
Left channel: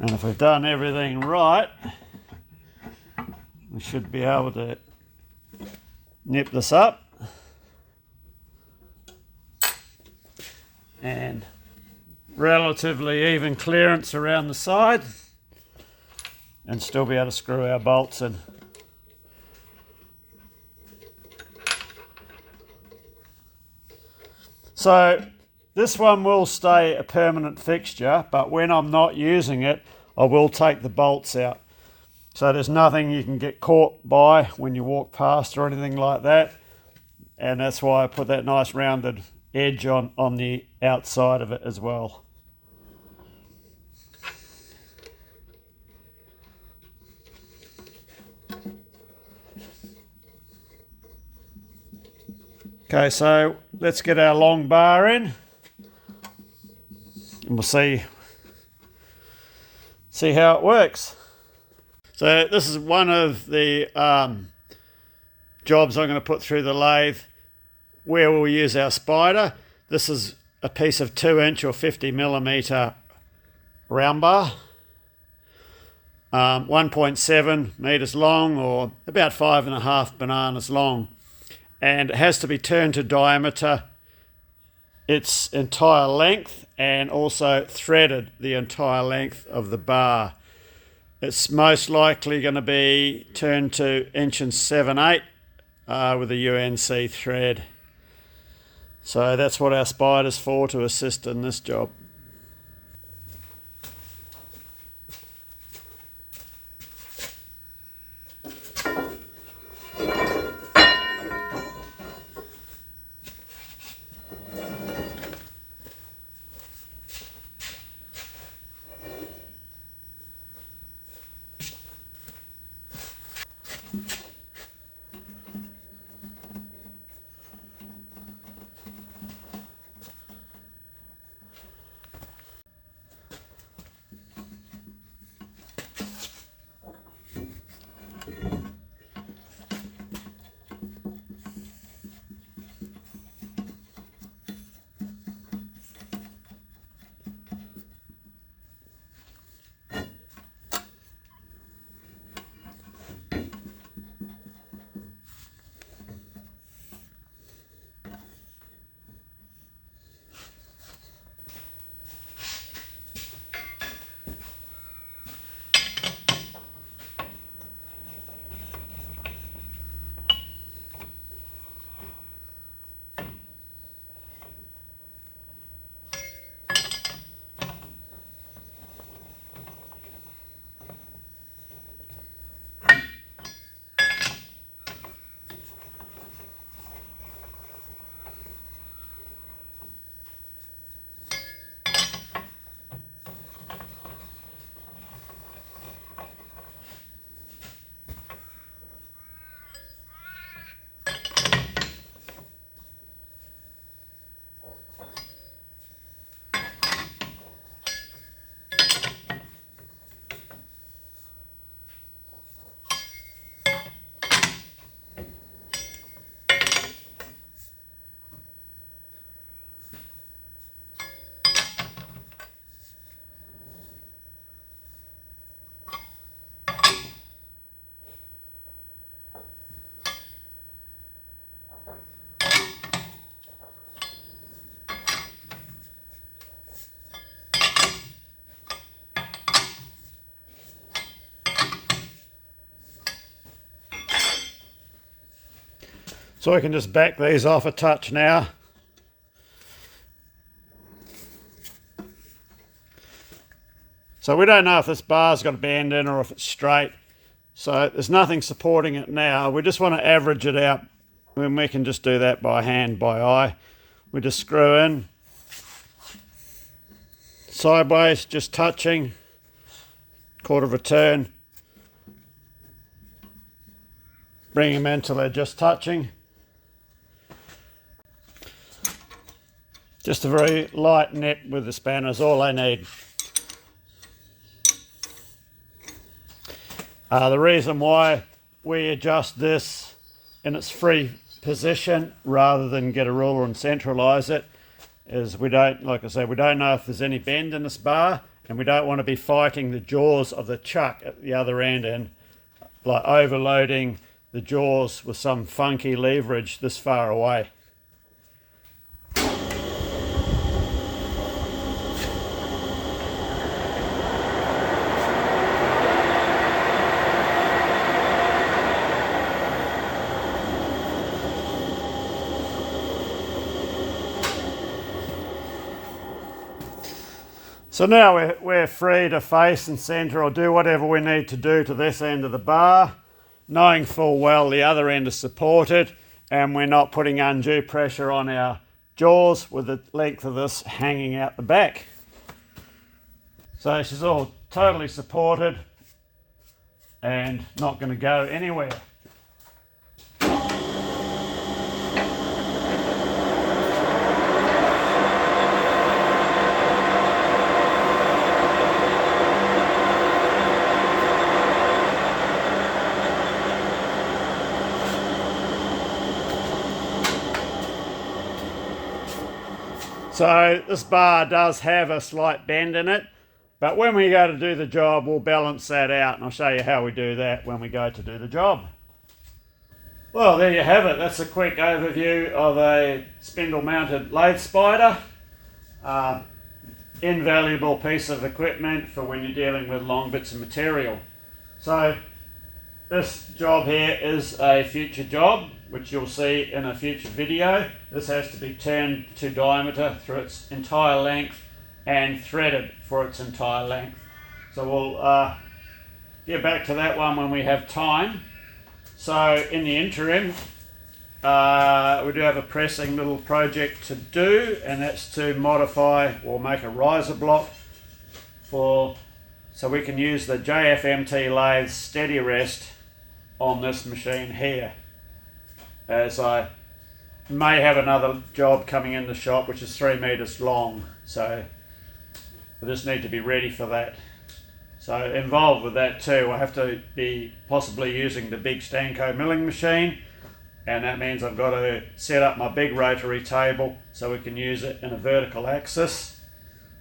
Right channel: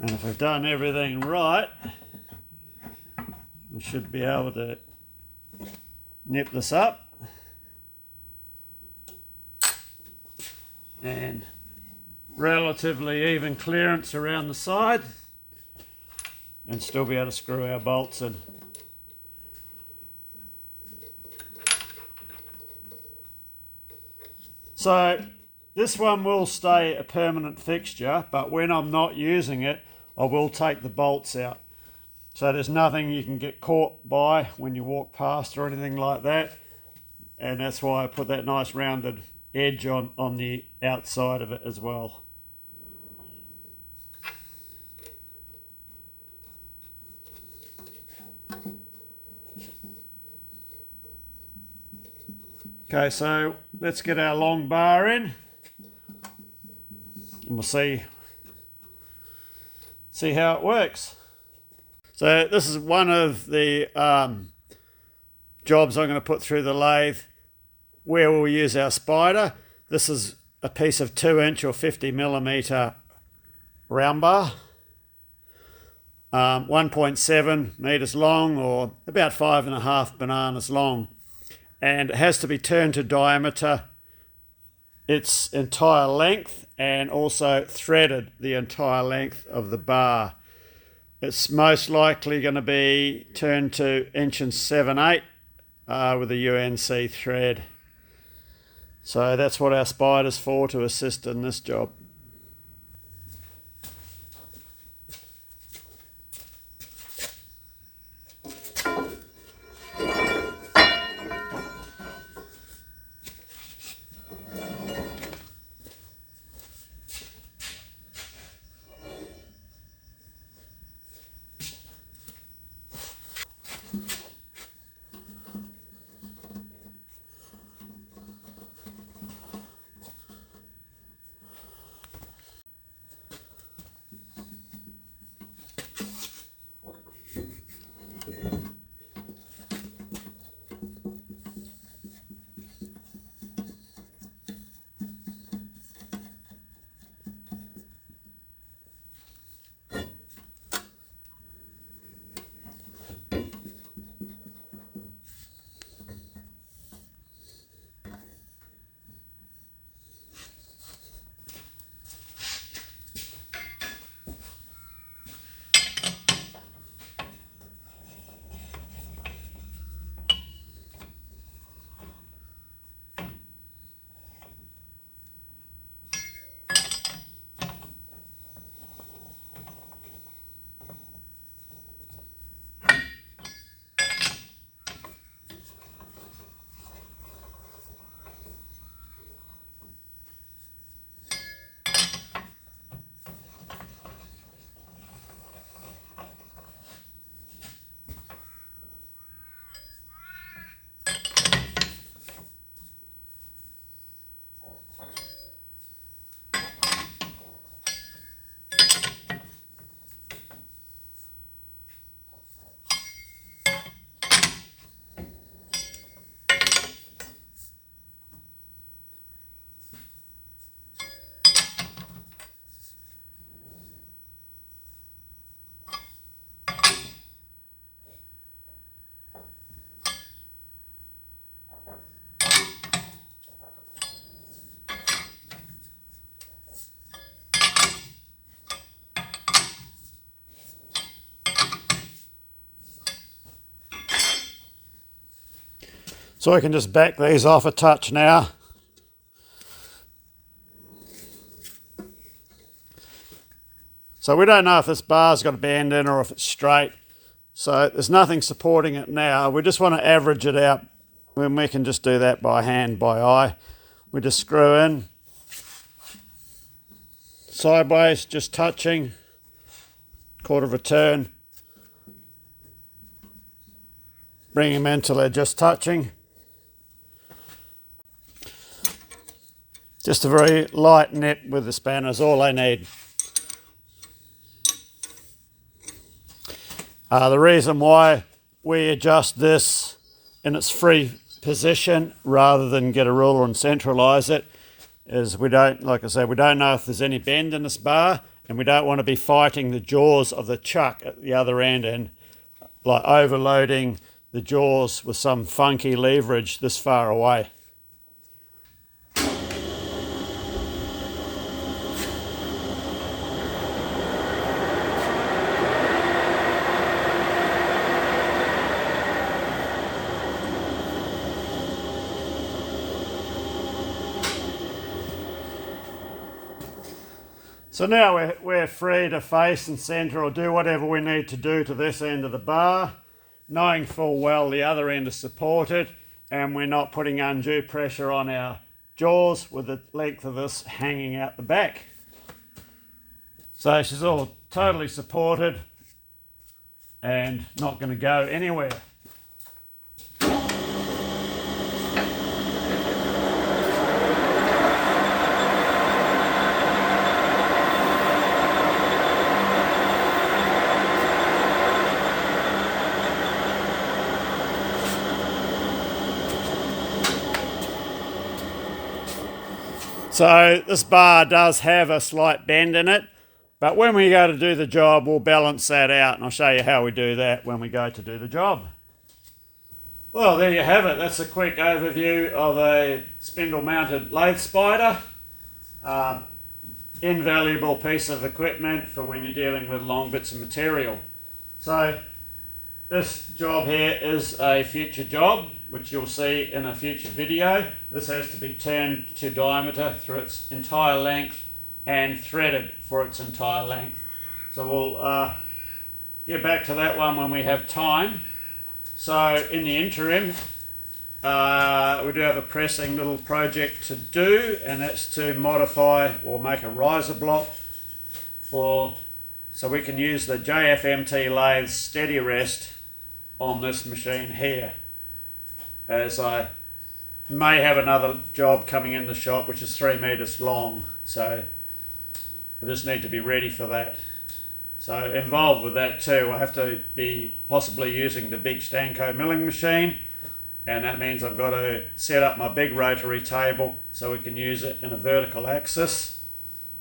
And if we've done everything right, we should be able to nip this up and relatively even clearance around the side and still be able to screw our bolts in. So this one will stay a permanent fixture, but when I'm not using it, I will take the bolts out. So there's nothing you can get caught by when you walk past or anything like that. And that's why I put that nice rounded edge on the outside of it as well. Okay, so let's get our long bar in and we'll see how it works. So this is one of the jobs I'm going to put through the lathe where we'll use our spider. This is a piece of 2-inch or 50mm round bar, 1.7 meters long or about 5.5 bananas long, and it has to be turned to diameter its entire length and also threaded the entire length of the bar. It's most likely going to be turned to 1 7/8 with a UNC thread. So that's what our spider's for, to assist in this job. So I can just back these off a touch now. So we don't know if this bar's got a bend in or if it's straight. So there's nothing supporting it now. We just want to average it out, when we can just do that by hand, by eye. We just screw in sideways, just touching, quarter of a turn. Bring them in till they're just touching. Just a very light net with the spanner is all I need. The reason why we adjust this in its free position rather than get a ruler and centralize it is we don't, like I said, we don't know if there's any bend in this bar, and we don't want to be fighting the jaws of the chuck at the other end and like overloading the jaws with some funky leverage this far away. So now we're free to face and centre or do whatever we need to do to this end of the bar, knowing full well the other end is supported and we're not putting undue pressure on our jaws with the length of this hanging out the back. So she's all totally supported and not going to go anywhere. So this bar does have a slight bend in it, but when we go to do the job, we'll balance that out, and I'll show you how we do that when we go to do the job. Well, there you have it. That's a quick overview of a spindle-mounted lathe spider. Invaluable piece of equipment for when you're dealing with long bits of material. So this job here is a future job, which you'll see in a future video. This has to be turned to diameter through its entire length and threaded for its entire length. So we'll get back to that one when we have time. So in the interim, we do have a pressing little project to do, and that's to modify or make a riser block so we can use the JFMT lathe steady rest on this machine here, as I may have another job coming in the shop which is 3 meters long, so we just need to be ready for that. So involved with that too, I have to be possibly using the big Stanco milling machine, and that means I've got to set up my big rotary table so we can use it in a vertical axis.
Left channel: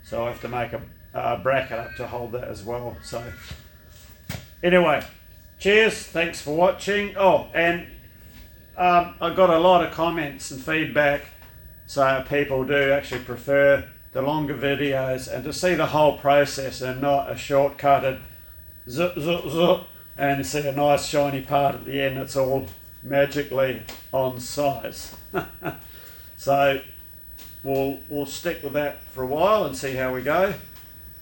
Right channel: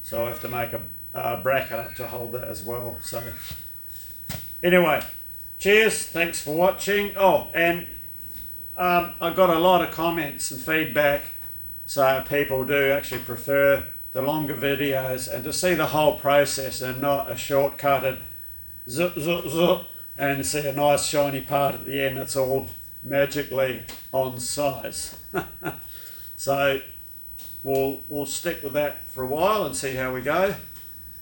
So I have to make a bracket up to hold that as well. So anyway, cheers, thanks for watching. Oh, and I got a lot of comments and feedback, so people do actually prefer the longer videos and to see the whole process and not a shortcutted zip, zip, zip, and see a nice shiny part at the end that's all magically on size. So we'll stick with that for a while and see how we go.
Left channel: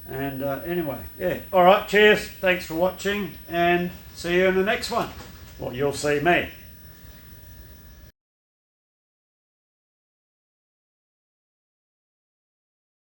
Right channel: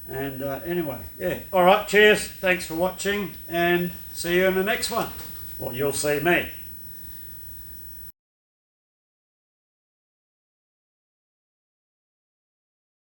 And anyway, yeah. All right, cheers, thanks for watching, and see you in the next one. Well, you'll see me.